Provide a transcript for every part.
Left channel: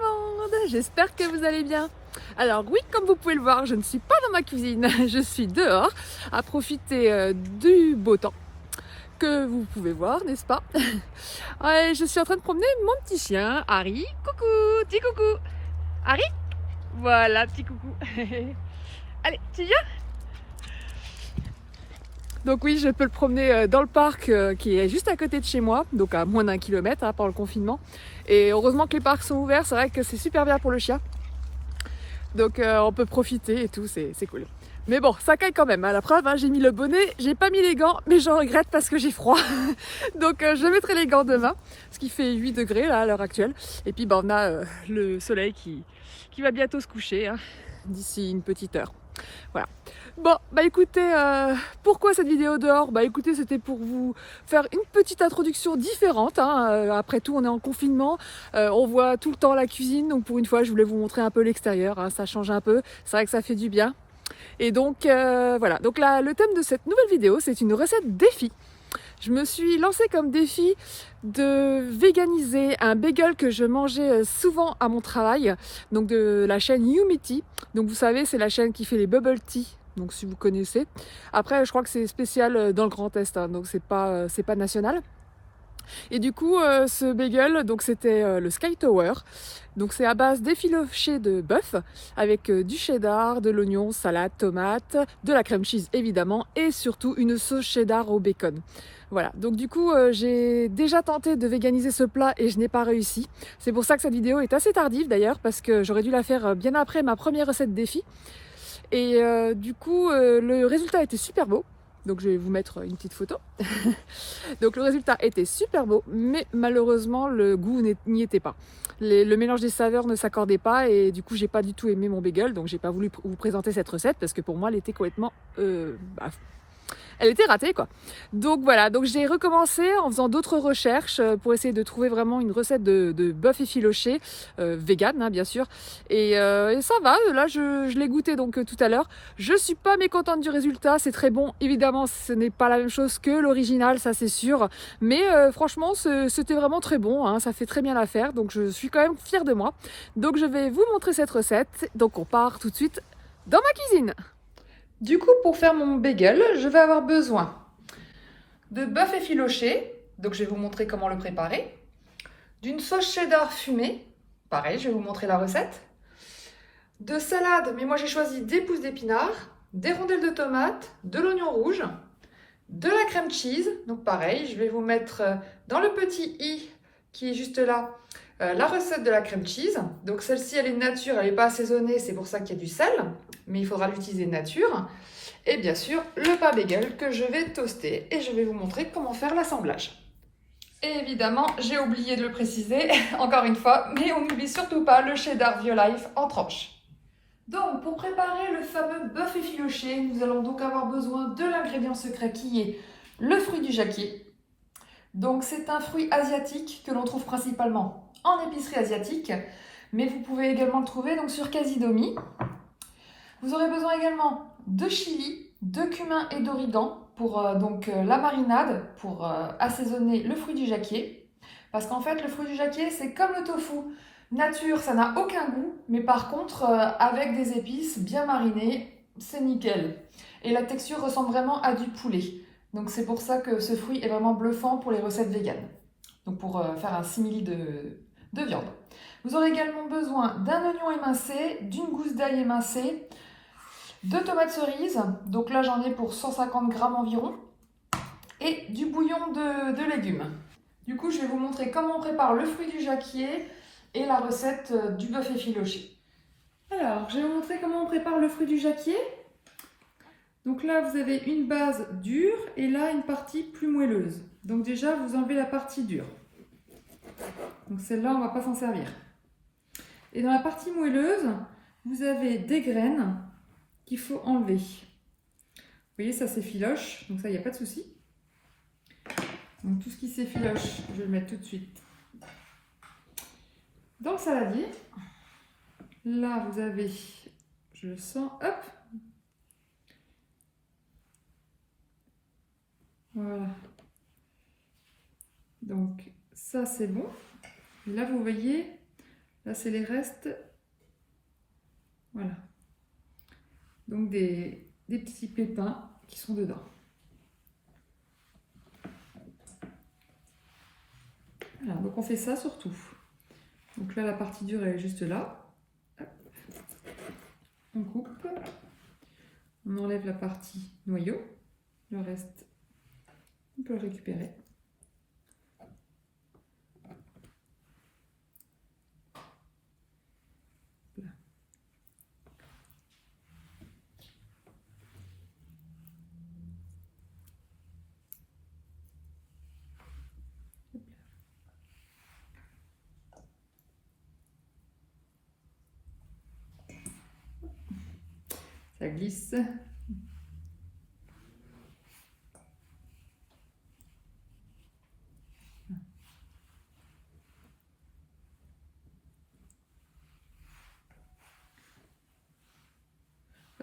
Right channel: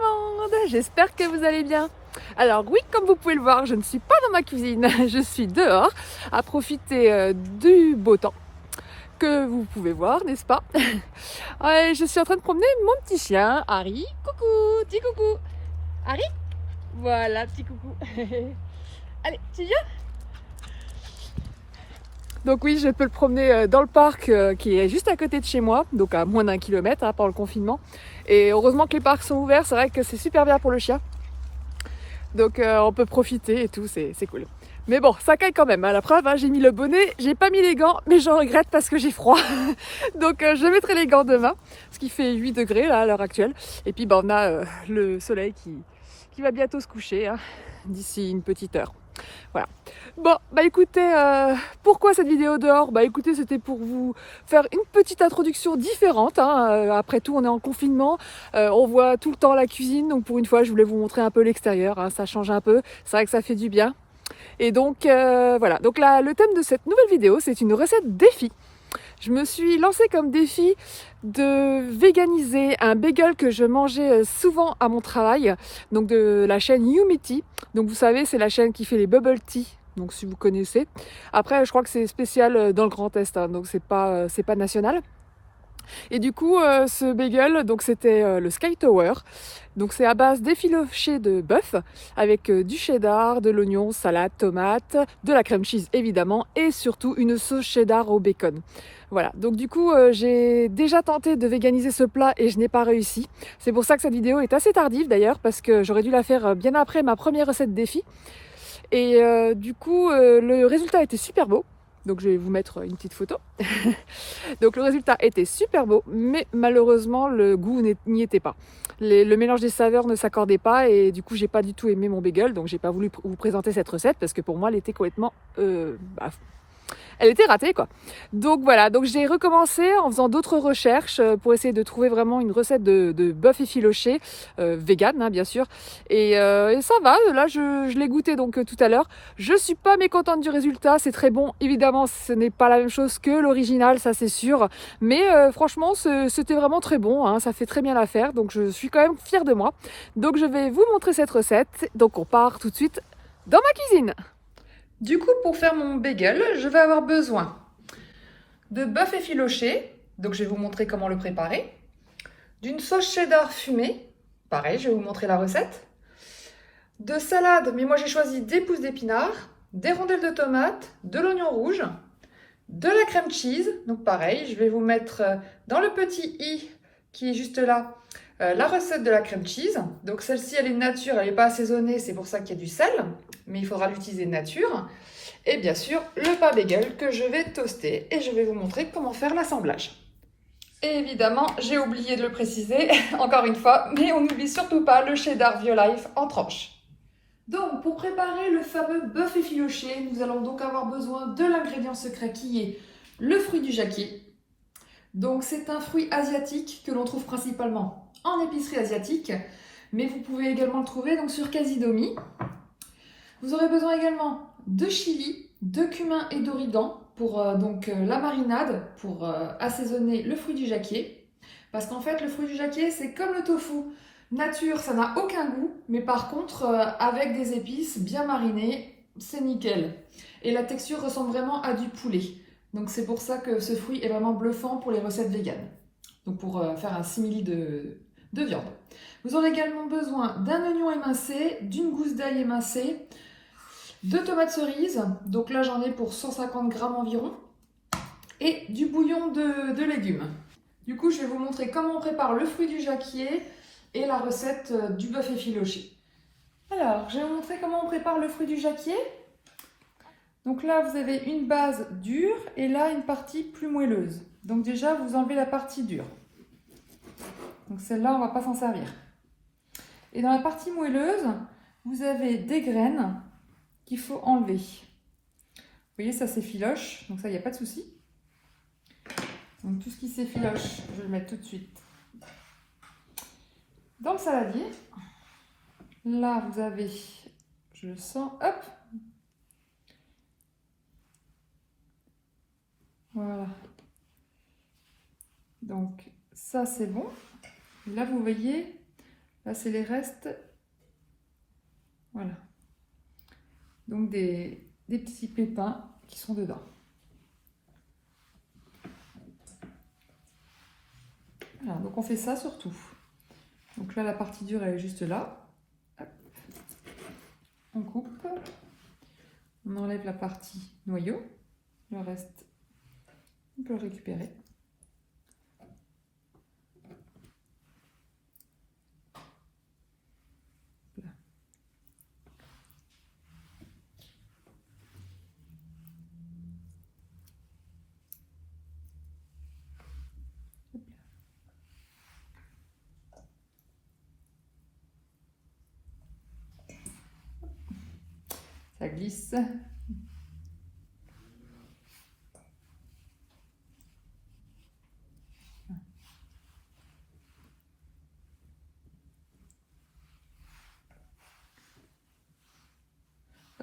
monde, j'espère que vous allez bien. Alors oui, comme vous pouvez le voir, je ne suis pas dans ma cuisine, je suis dehors à profiter du beau temps que vous pouvez voir, n'est-ce pas? Ouais, je suis en train de promener mon petit chien, Harry. Coucou, petit coucou. Harry, voilà, petit coucou. Allez, tu viens? Donc oui, je peux le promener dans le parc qui est juste à côté de chez moi, donc à moins d'1 kilomètre pendant le confinement. Et heureusement que les parcs sont ouverts, c'est vrai que c'est super bien pour le chien. Donc on peut profiter et tout, c'est cool. Mais bon, ça caille quand même, la preuve, j'ai mis le bonnet, j'ai pas mis les gants, mais j'en regrette parce que j'ai froid. Donc je mettrai les gants demain, ce qui fait 8 degrés là à l'heure actuelle. Et puis on a le soleil qui va bientôt se coucher, d'ici une petite heure. Voilà. Bon, écoutez, pourquoi cette vidéo dehors? Écoutez, c'était pour vous faire une petite introduction différente. Après tout, on est en confinement, on voit tout le temps la cuisine, donc pour une fois, je voulais vous montrer un peu l'extérieur, ça change un peu, c'est vrai que ça fait du bien. Et donc, voilà. Donc là, le thème de cette nouvelle vidéo, c'est une recette défi. Je me suis lancée comme défi de véganiser un bagel que je mangeais souvent à mon travail, donc de la chaîne Umity. Donc vous savez, c'est la chaîne qui fait les bubble tea, donc si vous connaissez. Après, je crois que c'est spécial dans le Grand Est, donc c'est pas national. Et du coup, ce bagel, donc c'était le Sky Tower. Donc c'est à base d'effiloché de bœuf avec du cheddar, de l'oignon, salade, tomate, de la crème cheese évidemment et surtout une sauce cheddar au bacon. Voilà, donc du coup j'ai déjà tenté de véganiser ce plat et je n'ai pas réussi. C'est pour ça que cette vidéo est assez tardive d'ailleurs parce que j'aurais dû la faire bien après ma première recette défi. Et du coup le résultat était super beau. Donc je vais vous mettre une petite photo. Donc le résultat était super beau, mais malheureusement le goût n'y était pas. Le mélange des saveurs ne s'accordait pas et du coup j'ai pas du tout aimé mon bagel, donc j'ai pas voulu vous présenter cette recette parce que pour moi elle était complètement elle était ratée quoi. Donc voilà, donc j'ai recommencé en faisant d'autres recherches pour essayer de trouver vraiment une recette de bœuf effiloché, vegan bien sûr. Et ça va, là je l'ai goûté donc tout à l'heure. Je suis pas mécontente du résultat, c'est très bon. Évidemment ce n'est pas la même chose que l'original, ça c'est sûr. Mais franchement c'était vraiment très bon, ça fait très bien l'affaire. Donc je suis quand même fière de moi. Donc je vais vous montrer cette recette. Donc on part tout de suite dans ma cuisine. Du coup, pour faire mon bagel, je vais avoir besoin de bœuf effiloché, donc je vais vous montrer comment le préparer, d'une sauce cheddar fumée, pareil, je vais vous montrer la recette, de salade, mais moi j'ai choisi des pousses d'épinards, des rondelles de tomates, de l'oignon rouge, de la crème cheese, donc pareil, je vais vous mettre dans le petit i qui est juste là, la recette de la crème cheese. Donc celle-ci, elle est nature, elle n'est pas assaisonnée, c'est pour ça qu'il y a du sel, mais il faudra l'utiliser nature. Et bien sûr, le pain bagel que je vais toaster et je vais vous montrer comment faire l'assemblage. Et évidemment, j'ai oublié de le préciser, encore une fois, mais on n'oublie surtout pas le cheddar Violife en tranches. Donc, pour préparer le fameux bœuf effiloché, nous allons donc avoir besoin de l'ingrédient secret qui est le fruit du jacquier. Donc, c'est un fruit asiatique que l'on trouve principalement en épicerie asiatique, mais vous pouvez également le trouver donc sur Casidomi. Vous aurez besoin également de chili, de cumin et d'origan pour la marinade, pour assaisonner le fruit du jacquier. Parce qu'en fait, le fruit du jacquier, c'est comme le tofu. Nature, ça n'a aucun goût, mais par contre, avec des épices bien marinées, c'est nickel. Et la texture ressemble vraiment à du poulet. Donc c'est pour ça que ce fruit est vraiment bluffant pour les recettes véganes. Donc pour faire un simili de viande. Vous aurez également besoin d'un oignon émincé, d'une gousse d'ail émincée, de tomates cerises, donc là j'en ai pour 150 grammes environ, et du bouillon de légumes. Du coup, je vais vous montrer comment on prépare le fruit du jacquier et la recette du bœuf effiloché. Alors, je vais vous montrer comment on prépare le fruit du jacquier. Donc là, vous avez une base dure et là, une partie plus moelleuse. Donc déjà, vous enlevez la partie dure. Donc celle-là, on ne va pas s'en servir. Et dans la partie moelleuse, vous avez des graines qu'il faut enlever. Vous voyez, ça s'effiloche, donc ça, il n'y a pas de souci. Donc tout ce qui s'effiloche, je vais le mettre tout de suite dans le saladier. Là, vous avez, je le sens, hop. Voilà. Donc ça, c'est bon. Là, vous voyez, Là, c'est les restes. Voilà. Donc des petits pépins qui sont dedans. Voilà, donc on fait ça sur tout. Donc là, la partie dure, elle est juste là. Hop. On coupe. On enlève la partie noyau. Le reste, on peut le récupérer. Là. Ça glisse. De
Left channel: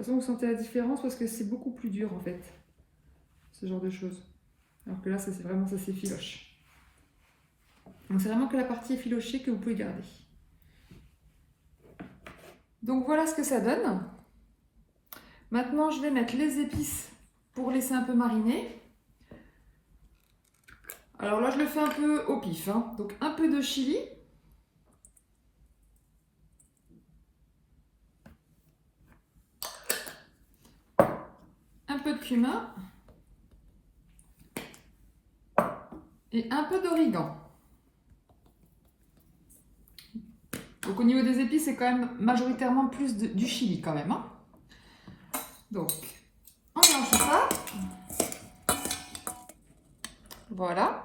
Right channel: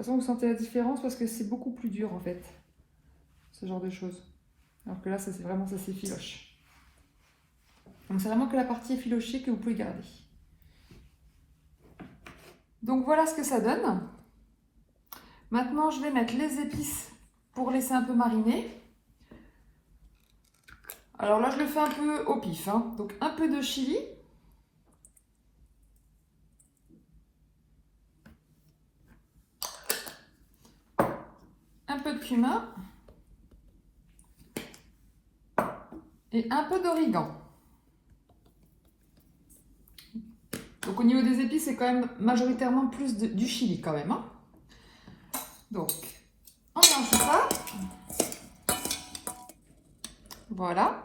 toute façon, vous sentez la différence parce que c'est beaucoup plus dur en fait, ce genre de choses. Alors que là, ça c'est vraiment, ça s'effiloche. Donc c'est vraiment que la partie effilochée que vous pouvez garder. Donc voilà ce que ça donne. Maintenant, je vais mettre les épices pour laisser un peu mariner. Alors là, je le fais un peu au pif, hein. Donc un peu de chili. Un peu de cumin. Et un peu d'origan. Donc au niveau des épices, c'est quand même majoritairement plus du chili quand même, hein. Donc, on mélange tout ça. Voilà.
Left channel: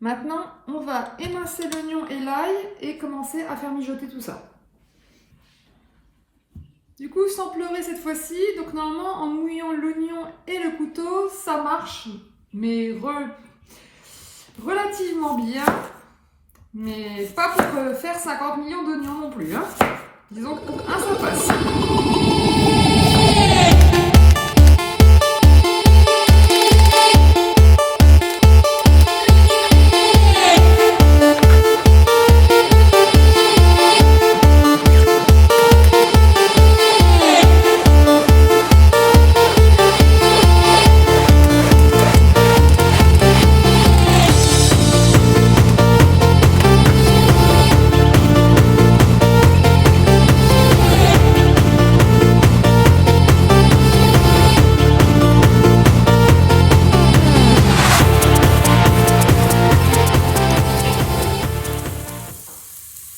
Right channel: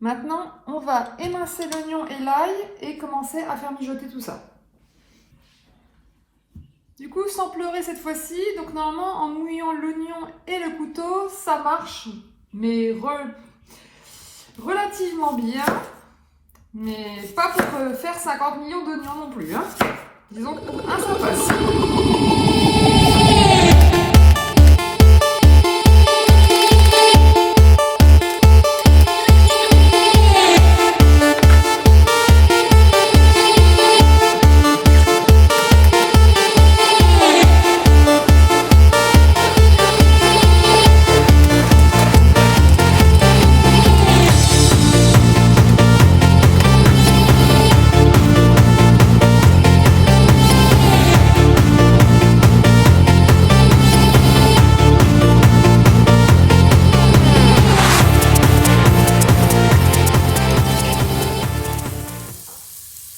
Maintenant, on va émincer l'oignon et l'ail et commencer à faire mijoter tout ça. Du coup, sans pleurer cette fois-ci, donc normalement, en mouillant l'oignon et le couteau, ça marche, mais relativement bien. Mais pas pour faire 50 millions d'oignons non plus, hein. Disons que pour un, ça passe.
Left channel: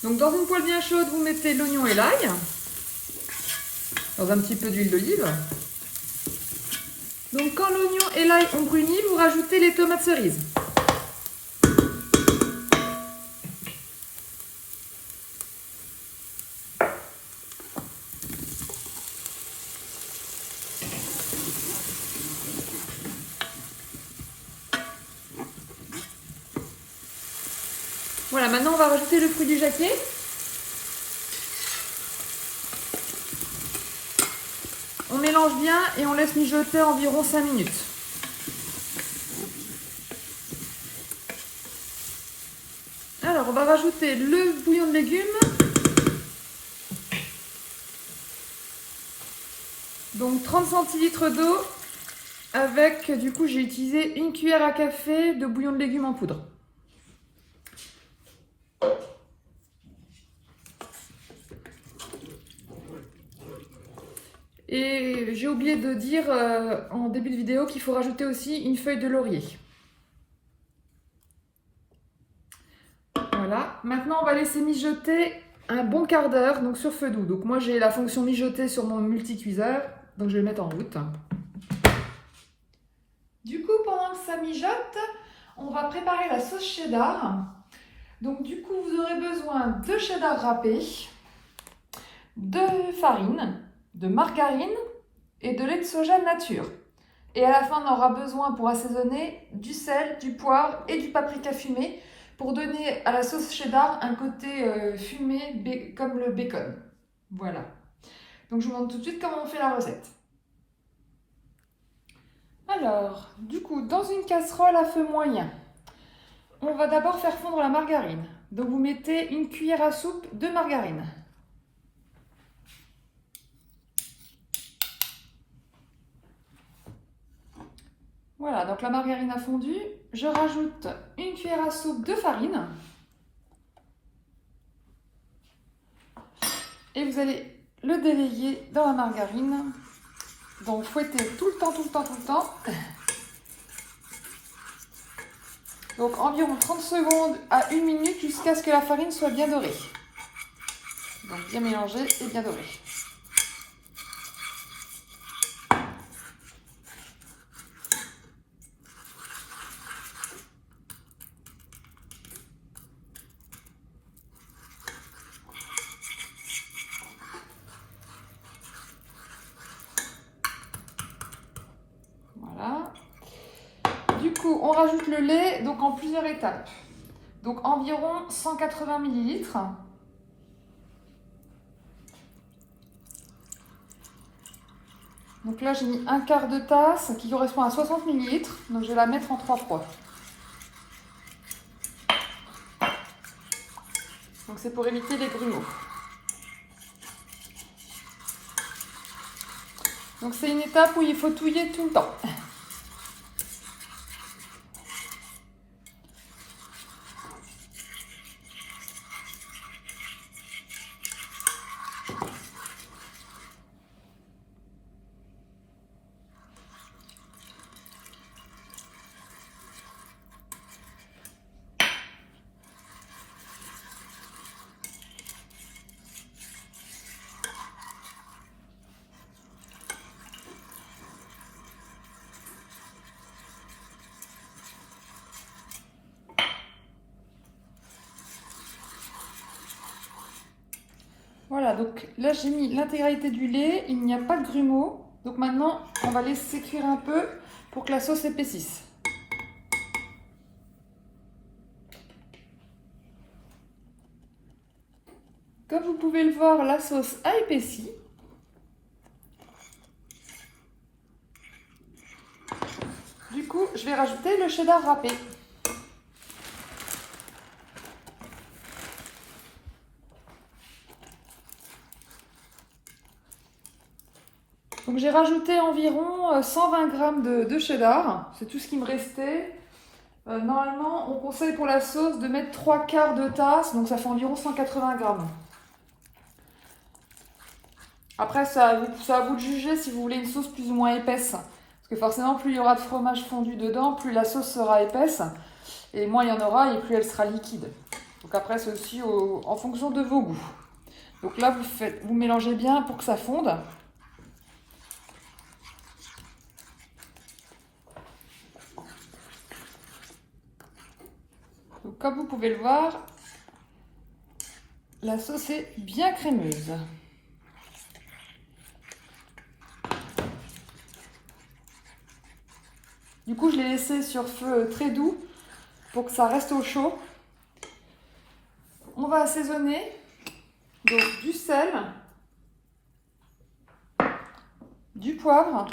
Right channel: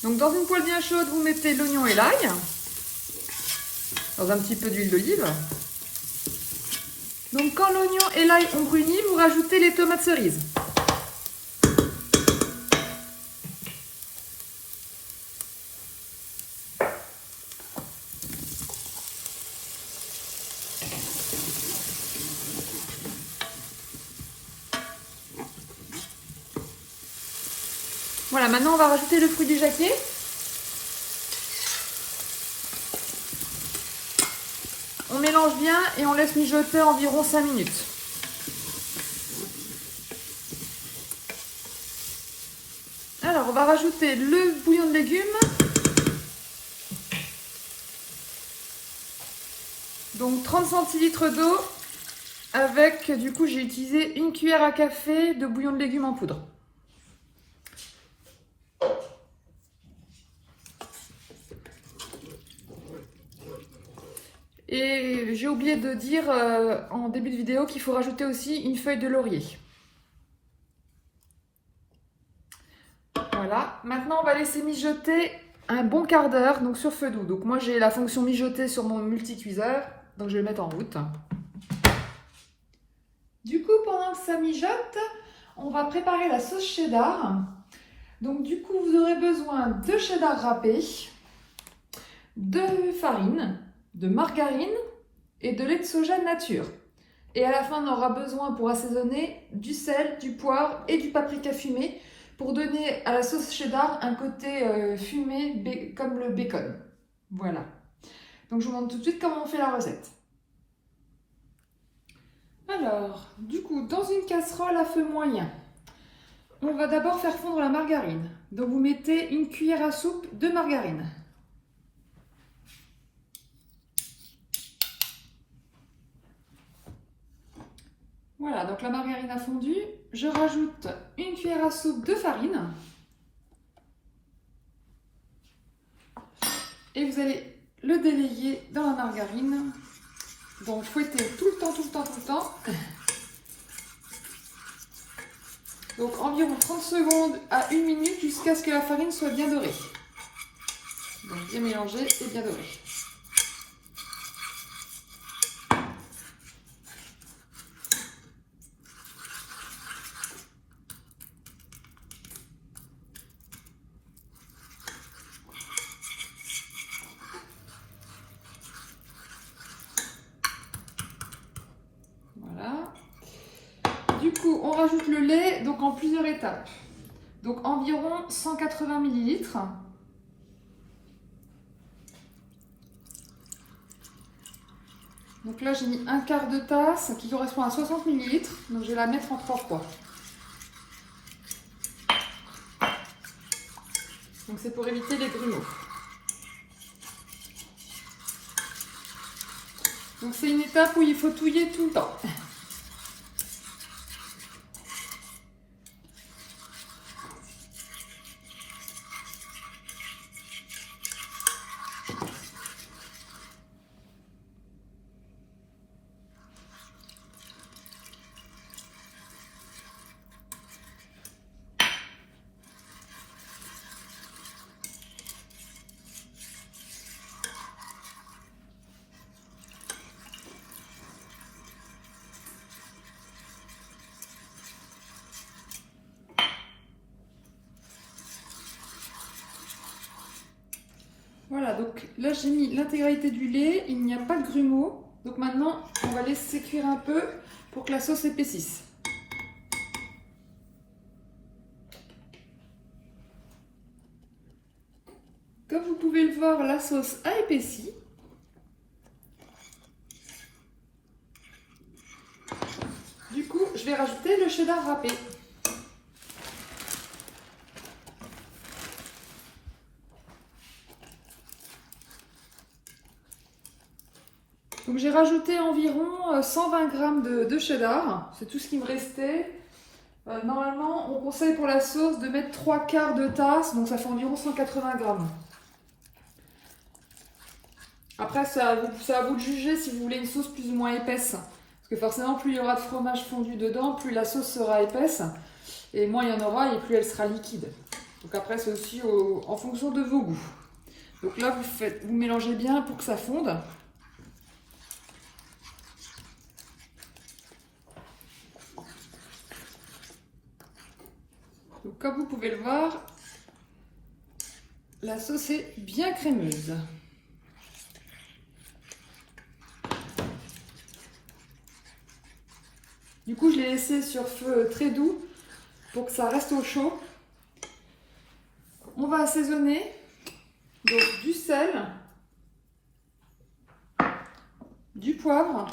Donc dans une poêle bien chaude, vous mettez l'oignon et l'ail, dans un petit peu d'huile d'olive. Donc quand l'oignon et l'ail ont bruni, vous rajoutez les tomates cerises. Voilà, maintenant on va rajouter le fruit du jacquier. On mélange bien et on laisse mijoter environ 5 minutes. Alors on va rajouter le bouillon de légumes. Donc 30 centilitres d'eau avec, du coup j'ai utilisé une cuillère à café de bouillon de légumes en poudre. Et j'ai oublié de dire en début de vidéo qu'il faut rajouter aussi une feuille de laurier. Voilà, maintenant on va laisser mijoter un bon quart d'heure, donc sur feu doux. Donc moi j'ai la fonction mijoter sur mon multicuiseur, donc je vais le mettre en route. Du coup, pendant que ça mijote, on va préparer la sauce cheddar. Donc du coup, vous aurez besoin de cheddar râpé, de farine, de margarine et de lait de soja nature. Et à la fin, on aura besoin pour assaisonner du sel, du poivre et du paprika fumé pour donner à la sauce cheddar un côté fumé comme le bacon. Voilà. Donc je vous montre tout de suite comment on fait la recette. Alors, du coup, dans une casserole à feu moyen, on va d'abord faire fondre la margarine. Donc vous mettez une cuillère à soupe de margarine. Voilà, donc la margarine a fondu. Je rajoute une cuillère à soupe de farine. Et vous allez le délayer dans la margarine. Donc fouettez tout le temps, tout le temps, tout le temps. Donc environ 30 secondes à 1 minute jusqu'à ce que la farine soit bien dorée. Donc bien mélangée et bien dorée. Voilà. Du coup, on rajoute le lait donc en plusieurs étapes. Donc environ 180 ml. Donc là, j'ai mis un quart de tasse qui correspond à 60 ml. Donc je vais la mettre en 3 fois. Donc c'est pour éviter les grumeaux. Donc c'est une étape où il faut touiller tout le temps. Voilà, donc là j'ai mis l'intégralité du lait, il n'y a pas de grumeaux. Donc maintenant, on va laisser cuire un peu pour que la sauce épaississe. Comme vous pouvez le voir, la sauce a épaissi. Du coup, je vais rajouter le cheddar râpé. Donc j'ai rajouté environ 120 g de cheddar, c'est tout ce qui me restait. Normalement, on conseille pour la sauce de mettre 3 quarts de tasse, donc ça fait environ 180 g. Après, c'est à vous de juger si vous voulez une sauce plus ou moins épaisse. Parce que forcément, plus il y aura de fromage fondu dedans, plus la sauce sera épaisse. Et moins il y en aura, et plus elle sera liquide. Donc après, c'est aussi en fonction de vos goûts. Donc là, vous mélangez bien pour que ça fonde. Donc comme vous pouvez le voir, la sauce est bien crémeuse. Du coup, je l'ai laissé sur feu très doux pour que ça reste au chaud. On va assaisonner donc du sel, du poivre,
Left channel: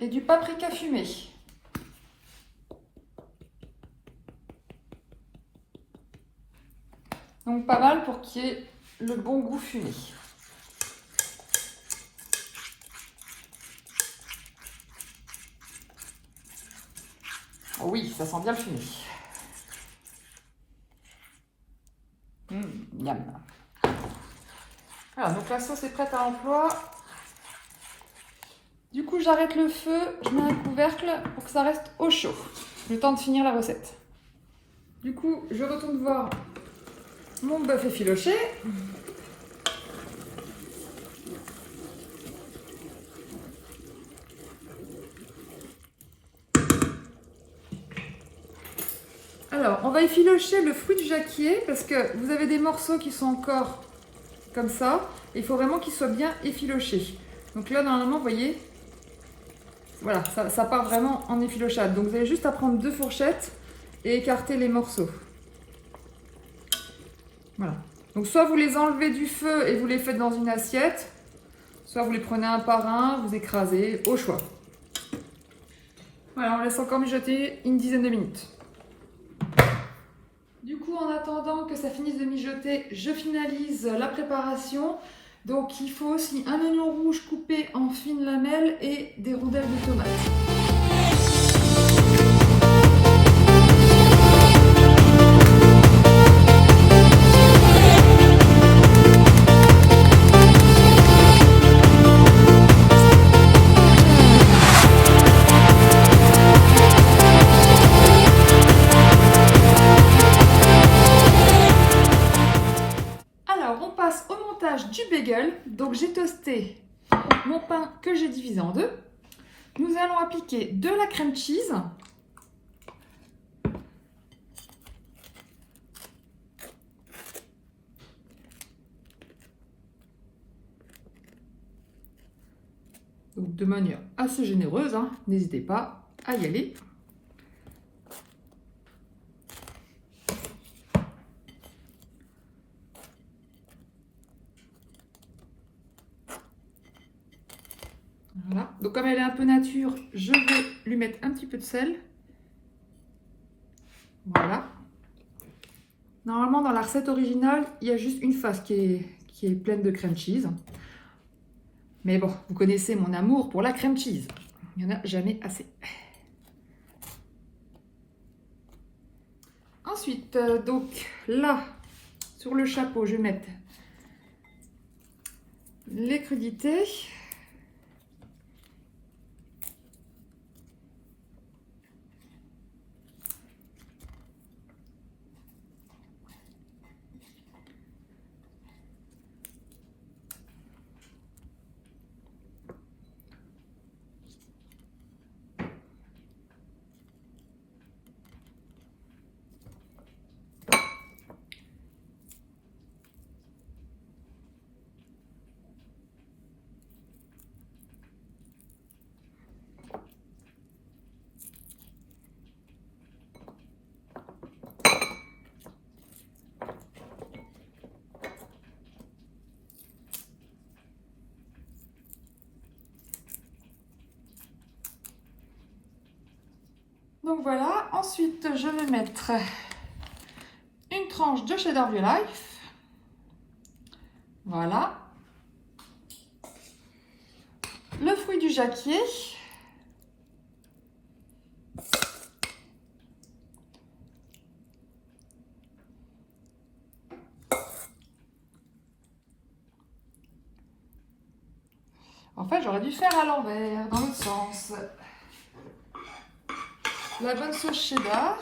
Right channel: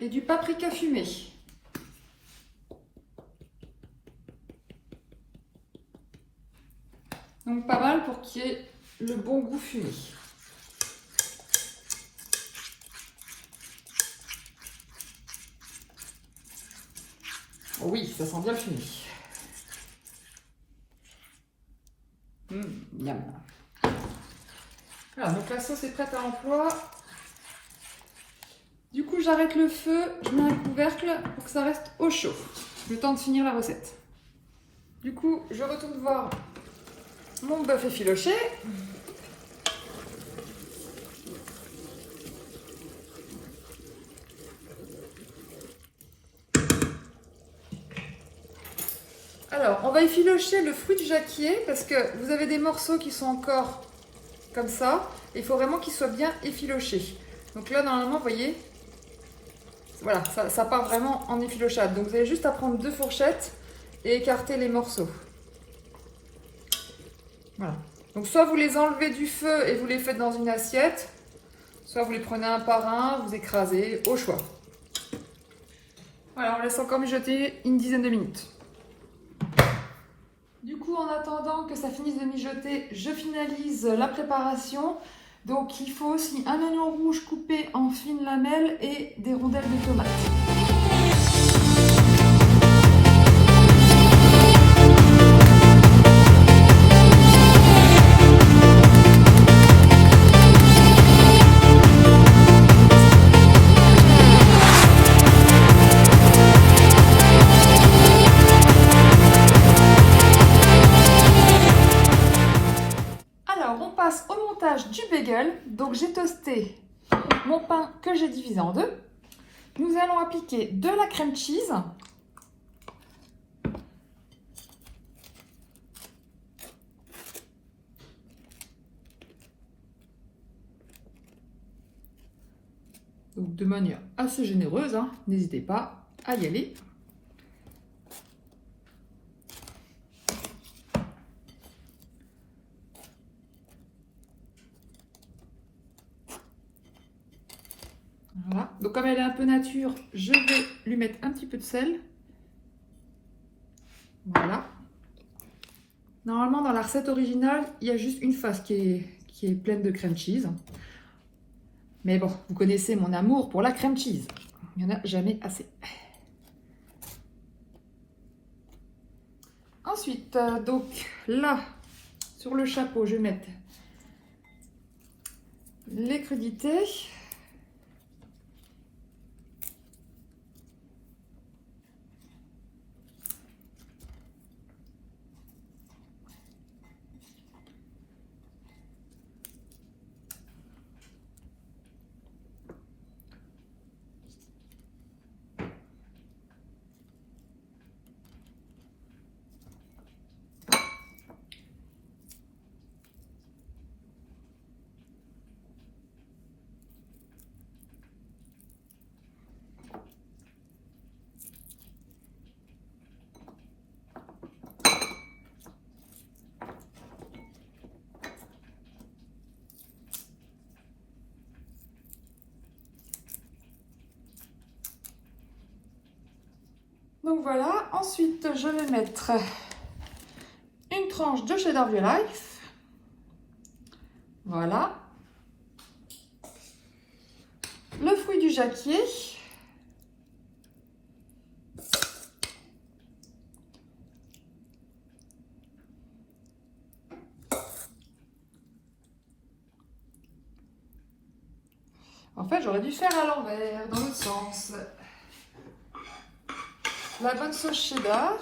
et du paprika fumé. Donc pas mal pour qu'il y ait le bon goût fumé. Oh oui, ça sent bien le fumé. Miam. Voilà, donc la sauce est prête à l'emploi. Du coup, j'arrête le feu, je mets un couvercle pour que ça reste au chaud, le temps de finir la recette. Du coup, je retourne voir mon bœuf effiloché. Alors, on va effilocher le fruit du jacquier parce que vous avez des morceaux qui sont encore comme ça. Et il faut vraiment qu'ils soient bien effilochés. Donc là, normalement, vous voyez, voilà, ça part vraiment en effilochade. Donc vous avez juste à prendre 2 fourchettes et écarter les morceaux. Voilà. Donc soit vous les enlevez du feu et vous les faites dans une assiette, soit vous les prenez un par un, vous écrasez, au choix. Voilà, on laisse encore mijoter une dizaine de minutes. Du coup, en attendant que ça finisse de mijoter, je finalise la préparation. Donc il faut aussi un oignon rouge coupé en fines lamelles et des rondelles de tomates. Au montage du bagel, donc j'ai toasté mon pain que j'ai divisé en deux. Nous allons appliquer de la crème cheese. Donc de manière assez généreuse, hein. N'hésitez pas à y aller. Voilà. Donc comme elle est un peu nature, je vais lui mettre un petit peu de sel. Voilà. Normalement, dans la recette originale, il y a juste une face qui est pleine de crème cheese. Mais bon, vous connaissez mon amour pour la crème cheese. Il n'y en a jamais assez. Ensuite, donc là, sur le chapeau, je vais mettre les crudités. Donc voilà, ensuite je vais mettre une tranche de cheddar View Life. Voilà. Le fruit du jacquier. En fait, j'aurais dû faire à l'envers, dans l'autre sens. La bonne sauce cheddar.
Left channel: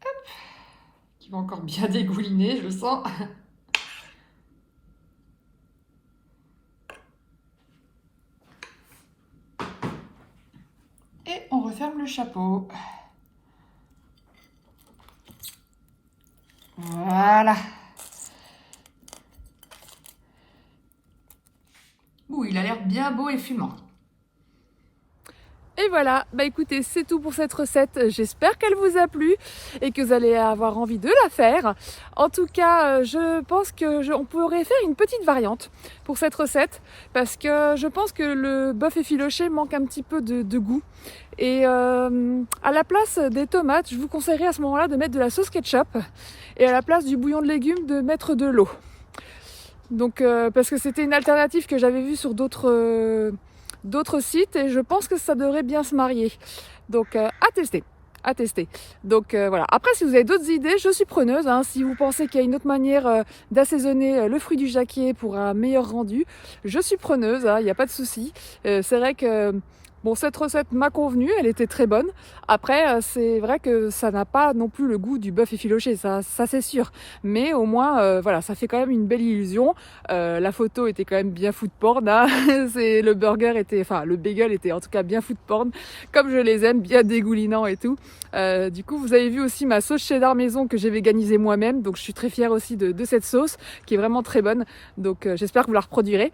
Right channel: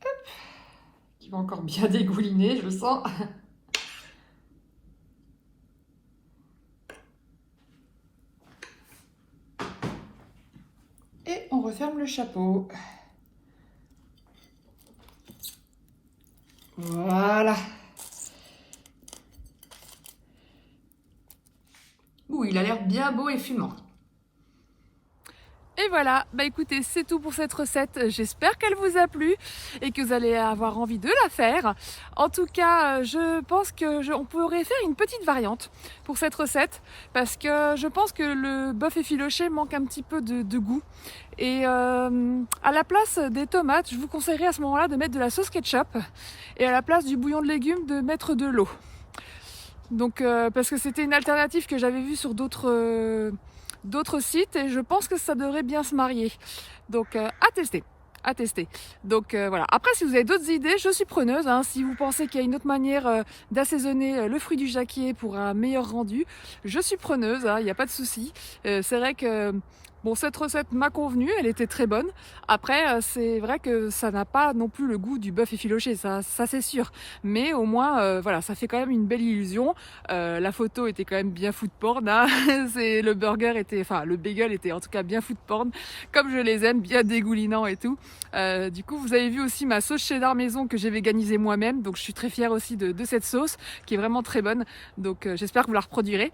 Hop. Qui va encore bien dégouliner, je le sens. Et on referme le chapeau. Voilà. Ouh, il a l'air bien beau et fumant. Et voilà, bah écoutez, c'est tout pour cette recette. J'espère qu'elle vous a plu et que vous allez avoir envie de la faire. En tout cas, je pense qu'on pourrait faire une petite variante pour cette recette parce que je pense que le bœuf effiloché manque un petit peu de goût. Et à la place des tomates, je vous conseillerais à ce moment-là de mettre de la sauce ketchup et à la place du bouillon de légumes de mettre de l'eau. Donc parce que c'était une alternative que j'avais vue sur d'autres sites et je pense que ça devrait bien se marier. Donc à tester. Donc voilà. Après, si vous avez d'autres idées, je suis preneuse. Hein. Si vous pensez qu'il y a une autre manière d'assaisonner le fruit du jacquier pour un meilleur rendu, je suis preneuse. Hein. Il n'y a pas de souci. C'est vrai que bon, cette recette m'a convenu, elle était très bonne. Après, c'est vrai que ça n'a pas non plus le goût du bœuf effiloché, ça c'est sûr. Mais au moins, voilà, ça fait quand même une belle illusion. La photo était quand même bien food porn. Hein. Le bagel était en tout cas bien food porn, comme je les aime, bien dégoulinant et tout. Du coup, vous avez vu aussi ma sauce cheddar maison que j'ai véganisée moi-même. Donc, je suis très fière aussi de cette sauce qui est vraiment très bonne. Donc, j'espère que vous la reproduirez.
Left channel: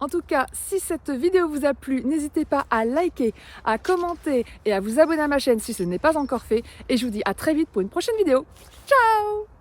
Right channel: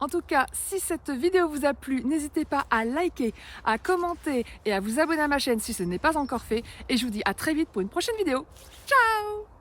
En tout cas, si cette vidéo vous a plu, n'hésitez pas à liker, à commenter et à vous abonner à ma chaîne si ce n'est pas encore fait. Et je vous dis à très vite pour une prochaine vidéo. Ciao!